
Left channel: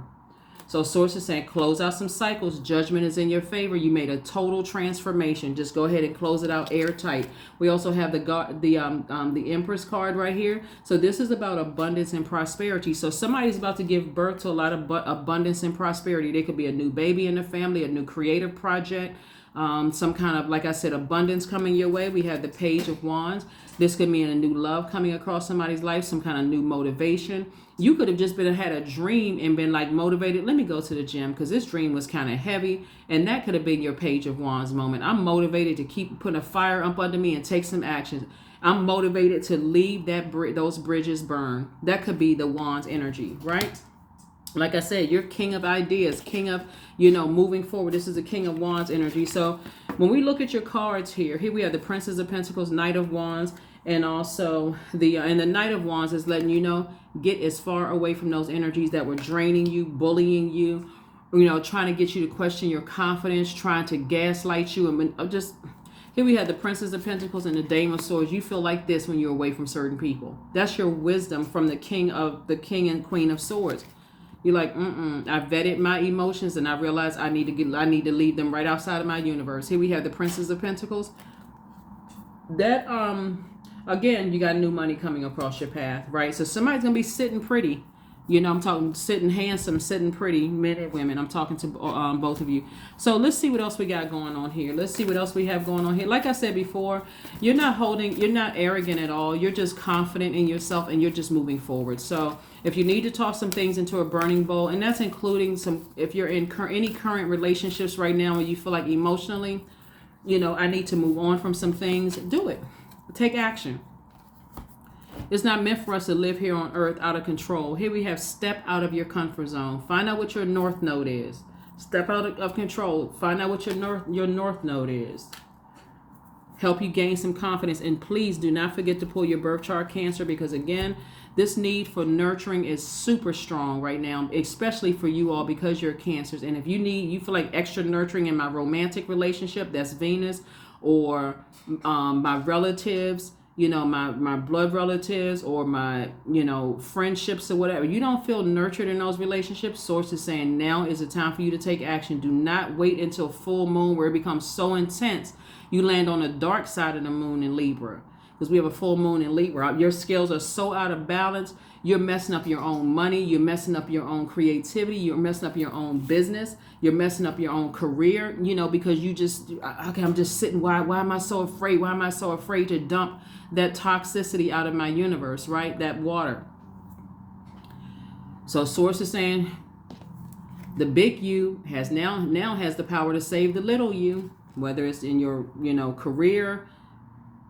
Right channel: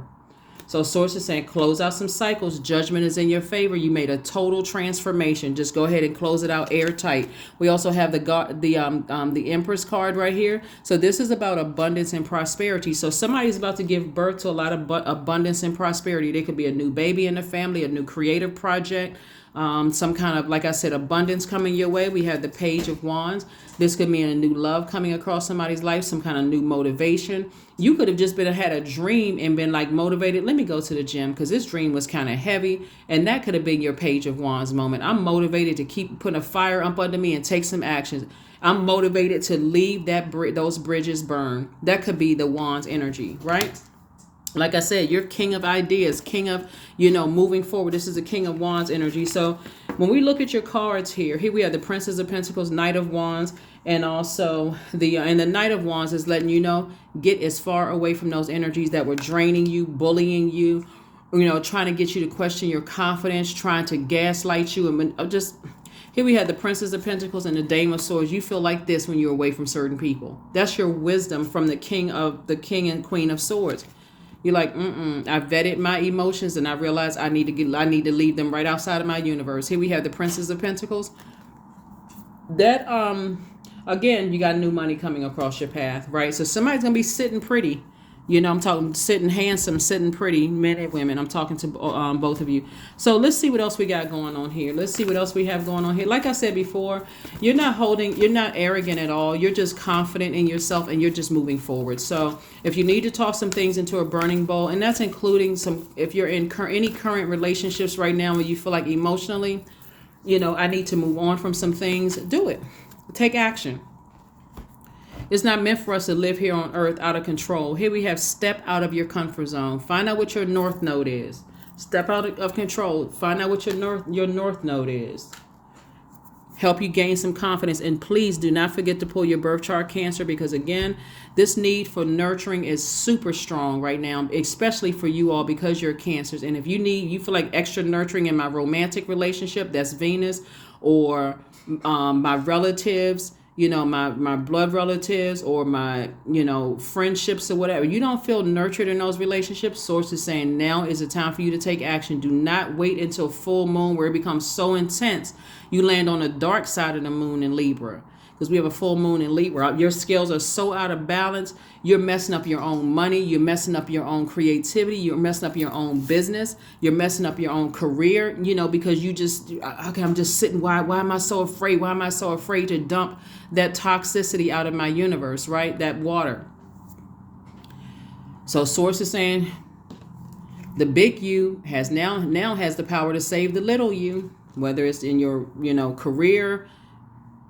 So Source is saying, close out some cycles. Judgment is in your favor. You made a total transformation. Just go ahead and close it out airtight. We also have the Empress card right here. So this is about abundance and prosperity. So somebody's about to give birth to a lot of abundance and prosperity. There could be a new baby in the family, a new creative project, some kind of, like I said, abundance coming your way. We have the Page of Wands. This could mean a new love coming across somebody's life, some kind of new motivation. You could have just had a dream and been like motivated. Let me go to the gym, because this dream was kind of heavy. And that could have been your Page of Wands moment. I'm motivated to keep putting a fire up under me and take some actions. I'm motivated to leave those bridges burn. That could be the Wands energy, right? Like I said, you're king of ideas, king of, moving forward. This is a King of Wands energy. So when we look at your cards here we have the Princess of Pentacles, Knight of Wands, and also the Knight of Wands is letting you know, get as far away from those energies that were draining you, bullying you, trying to get you to question your confidence, trying to gaslight you. And just, Here we have the Princess of Pentacles and the Dame of Swords. You feel like this when you're away from certain people. That's your wisdom from the King and Queen of Swords. You're like, I vetted my emotions and I realized I need to leave them right outside of my universe. Here we have the Princess of Pentacles. That again, you got new money coming across your path, right? So somebody's gonna be sitting pretty. You know, I'm talking sitting handsome, sitting pretty, men and women. I'm talking to both of you. So let's see what else we got going on here. Let's see what else we have going on here. Like I said before, you're not arrogant at all. You're just confident in yourself and you're just moving forward. So if you need to talk some things into a burning bowl, and that's including if you're in any current relationships right now where you feel like emotionally, you know, I need to move on from some things, do it. Take action. It's not meant for us to live here on earth out of control. Here we have step out of your comfort zone. Find out what your north node is. Step out of control. Find out what your north node is. Help you gain some confidence. And please do not forget to pull your birth chart, Cancer, because again, this need for nurturing is super strong right now, especially for you all because you're Cancers. And if you feel like extra nurturing in my romantic relationship, that's Venus, or my relatives, you know, my blood relatives, or my, you know, friendships or whatever. You don't feel nurtured in those relationships. Source is saying now is the time for you to take action. Do not wait until full moon where it becomes so intense you land on the dark side of the moon in Libra. Because we have a full moon in Libra. Your scales are so out of balance. You're messing up your own money. You're messing up your own creativity. You're messing up your own business. You're messing up your own career, you know, because you just, okay, I'm just sitting. Why am I so afraid? Why am I so afraid to dump that toxicity out of my universe, right? That water. So Source is saying the big you has now has the power to save the little you, whether it's in your, you know, career,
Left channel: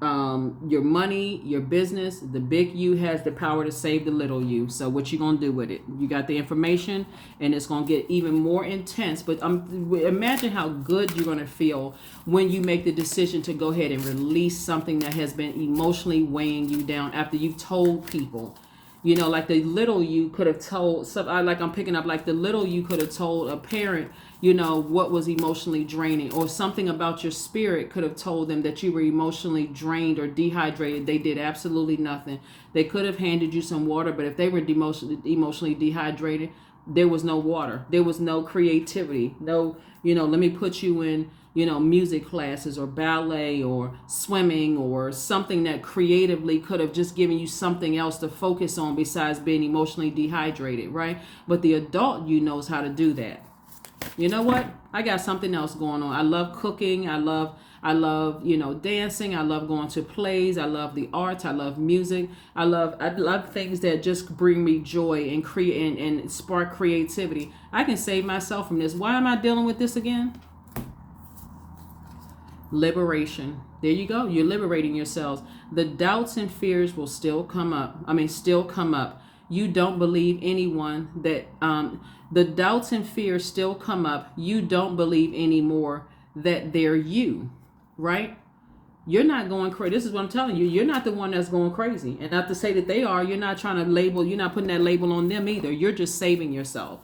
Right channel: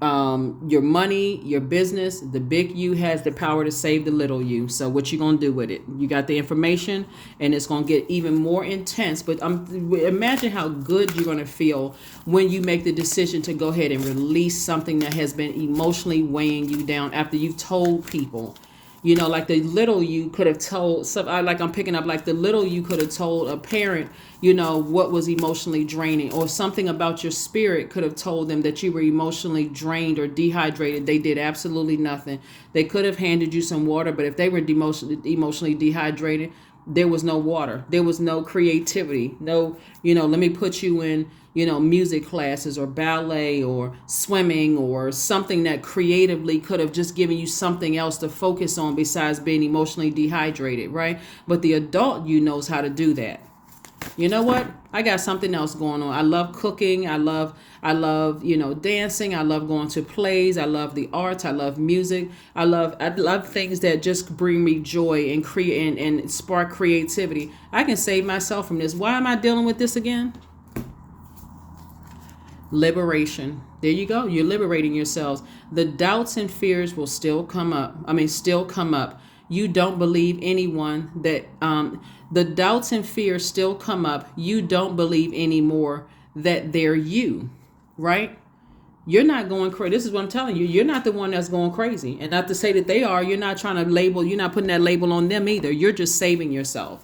your money, your business. The big you has the power to save the little you. So what you gonna do with it? You got the information, and it's gonna get even more intense. But imagine how good you're gonna feel when you make the decision to go ahead and release something that has been emotionally weighing you down after you've told people. You know, like the little you could have told, like I'm picking up, like the little you could have told a parent, you know, what was emotionally draining, or something about your spirit could have told them that you were emotionally drained or dehydrated. They did absolutely nothing. They could have handed you some water, but if they were emotionally dehydrated, there was no water. There was no creativity. No, you know, let me put you in, you know, music classes or ballet or swimming or something that creatively could have just given you something else to focus on besides being emotionally dehydrated, right? But the adult you knows how to do that. You know what? I got something else going on. I love cooking. I love, you know, dancing. I love going to plays. I love the arts. I love music. I love things that just bring me joy and create and spark creativity. I can save myself from this. Why am I dealing with this again? Liberation. There you go. You're liberating yourselves. The doubts and fears will still come up. You don't believe anyone that, the doubts and fears still come up. You don't believe anymore that they're you, right? You're not going crazy. This is what I'm telling you. You're not the one that's going crazy. And not to say that they are. You're not trying to label. You're not putting that label on them either. You're just saving yourself.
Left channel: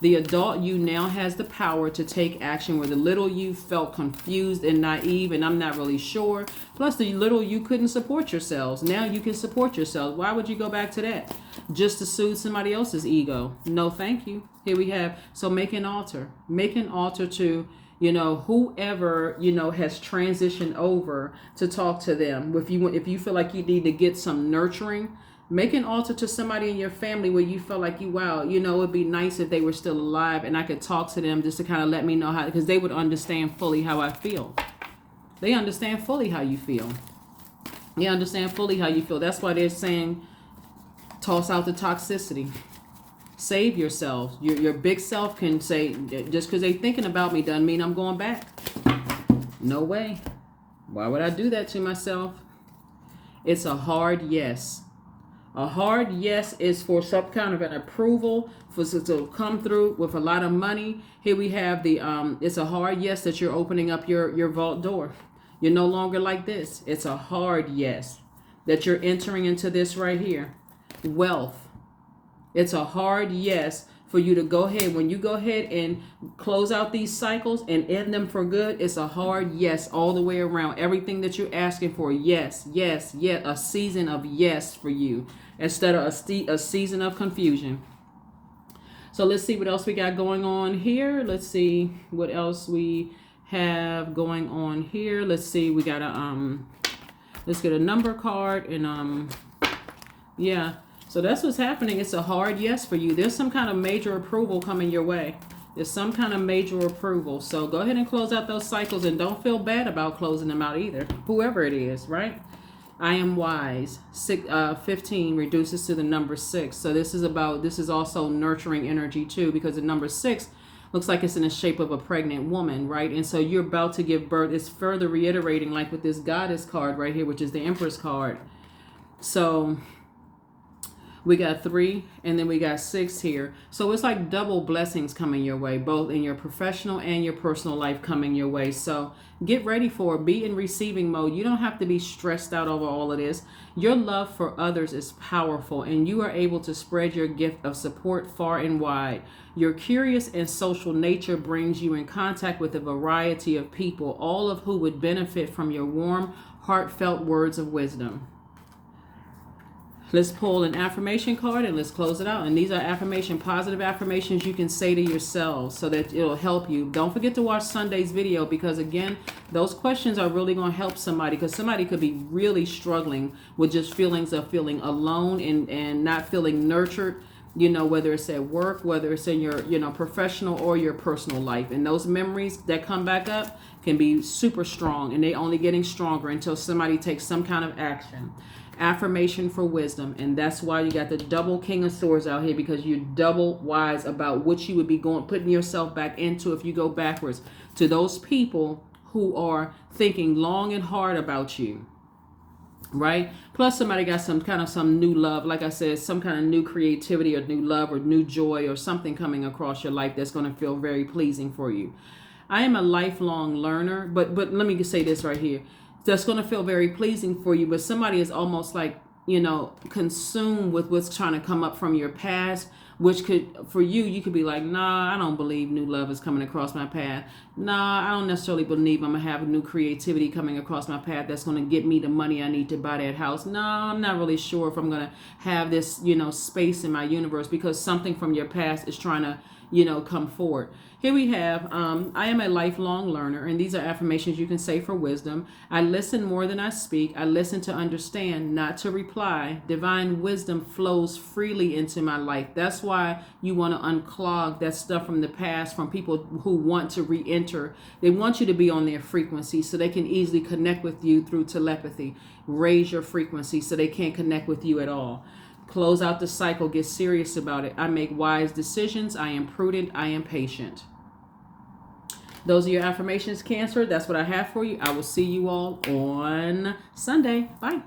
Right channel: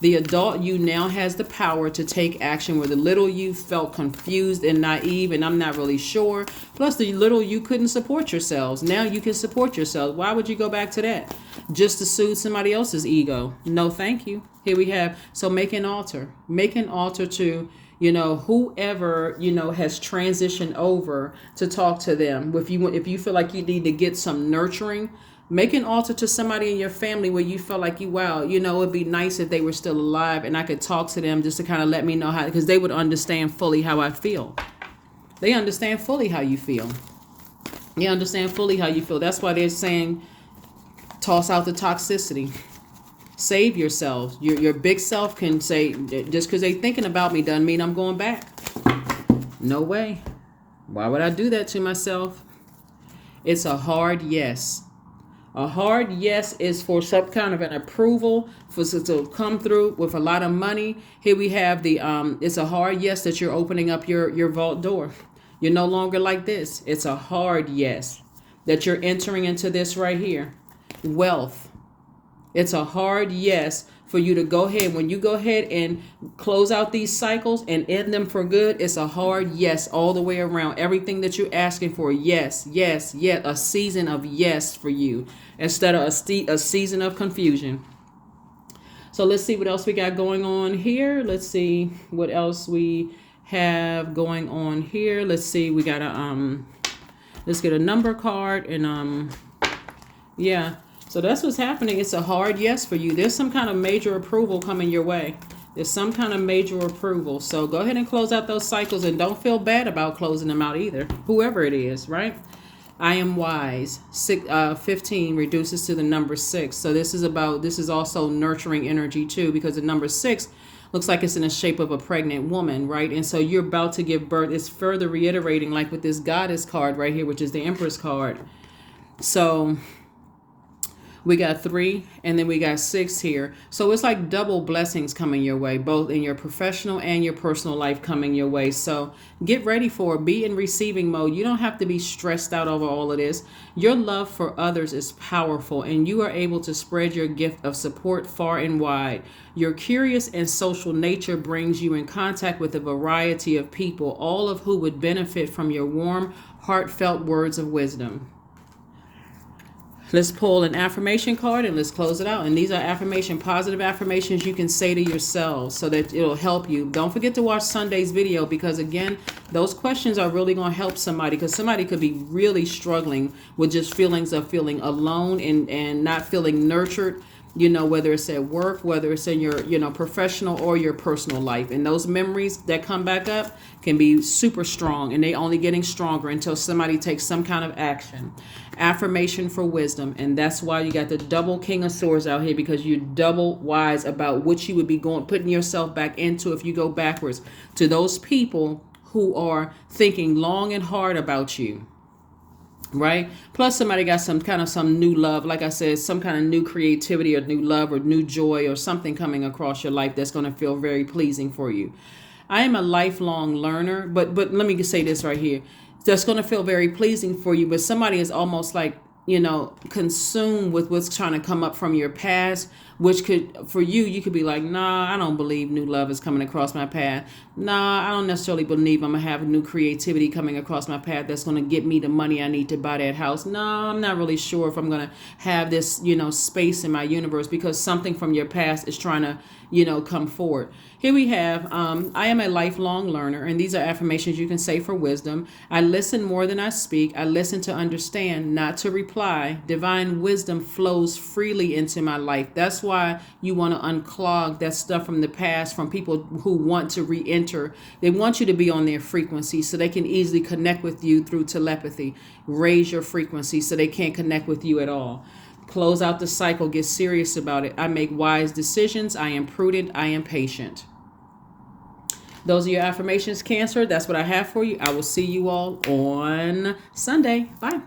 The adult you now has the power to take action where the little you felt confused and naive and I'm not really sure. Plus the little you couldn't support yourselves. Now you can support yourselves. Why would you go back to that? Just to soothe somebody else's ego? No, thank you. Here we have, so make an altar. Make an altar to, you know, whoever, you know, has transitioned over to talk to them. If you feel like you need to get some nurturing, make an altar to somebody in your family where you feel like wow, you know, it'd be nice if they were still alive and I could talk to them just to kind of let me know how, because they would understand fully how I feel. They understand fully how you feel. They understand fully how you feel. That's why they're saying toss out the toxicity. Save yourself. Your big self can say, just because they're thinking about me doesn't mean I'm going back. No way. Why would I do that to myself? It's a hard yes. A hard yes is for some kind of an approval, for to come through with a lot of money. Here we have the, it's a hard yes that you're opening up your vault door. You're no longer like this. It's a hard yes that you're entering into this right here. Wealth. It's a hard yes for you to go ahead. When you go ahead and close out these cycles and end them for good, it's a hard yes all the way around. Everything that you're asking for, yes, yes, yes. A season of yes for you instead of a season of confusion. So let's see what else we got going on here. Let's see what else we have going on here. Let's see. We got a let's get a number card and yeah. So that's what's happening. It's a hard yes for you. There's some kind of major approval coming your way. There's some kind of major approval. So go ahead and close out those cycles and don't feel bad about closing them out either. Whoever it is, right? I am wise. 15 reduces to the number 6. So this is also nurturing energy too, because the number 6 looks like it's in the shape of a pregnant woman, right? And so you're about to give birth. It's further reiterating, like with this goddess card right here, which is the Empress card. So we got 3 and then we got 6 here. So it's like double blessings coming your way, both in your professional and your personal life coming your way. So get ready for it. Be in receiving mode. You don't have to be stressed out over all of this. Your love for others is powerful and you are able to spread your gift of support far and wide. Your curious and social nature brings you in contact with a variety of people, all of who would benefit from your warm, heartfelt words of wisdom. Let's pull an affirmation card and let's close it out. And these are positive affirmations you can say to yourselves so that it'll help you. Don't forget to watch Sunday's video because, again, those questions are really going to help somebody because somebody could be really struggling with just feelings of feeling alone and not feeling nurtured, you know, whether it's at work, whether it's in your, you know, professional or your personal life. And those memories that come back up can be super strong and they only getting stronger until somebody takes some kind of action. Affirmation for wisdom, and that's why you got the double King of Swords out here, because you're double wise about what you would be putting yourself back into if you go backwards to those people who are thinking long and hard about you, right? Plus somebody got some new love, like I said, some kind of new creativity or new love or new joy or something coming across your life that's going to feel very pleasing for you. I am a lifelong learner, but let me say this right here. That's going to feel very pleasing for you, but somebody is almost like, you know, consumed with what's trying to come up from your past, which could, for you could be like, nah, I don't believe new love is coming across my path. Nah, I don't necessarily believe I'm going to have a new creativity coming across my path that's going to get me the money I need to buy that house. No, I'm not really sure if I'm going to have this, you know, space in my universe because something from your past is trying to, you know, come forward. Here we have, I am a lifelong learner, and these are affirmations you can say for wisdom. I listen more than I speak. I listen to understand, not to reply. Divine wisdom flows freely into my life. That's why you want to unclog that stuff from the past, from people who want to re-enter. They want you to be on their frequency so they can easily connect with you through telepathy. Raise your frequency so they can't connect with you at all. Close out the cycle. Get serious about it. I make wise decisions. I am prudent. I am patient. Those are your affirmations, Cancer. That's what I have for you. I will see you all on Sunday. Bye.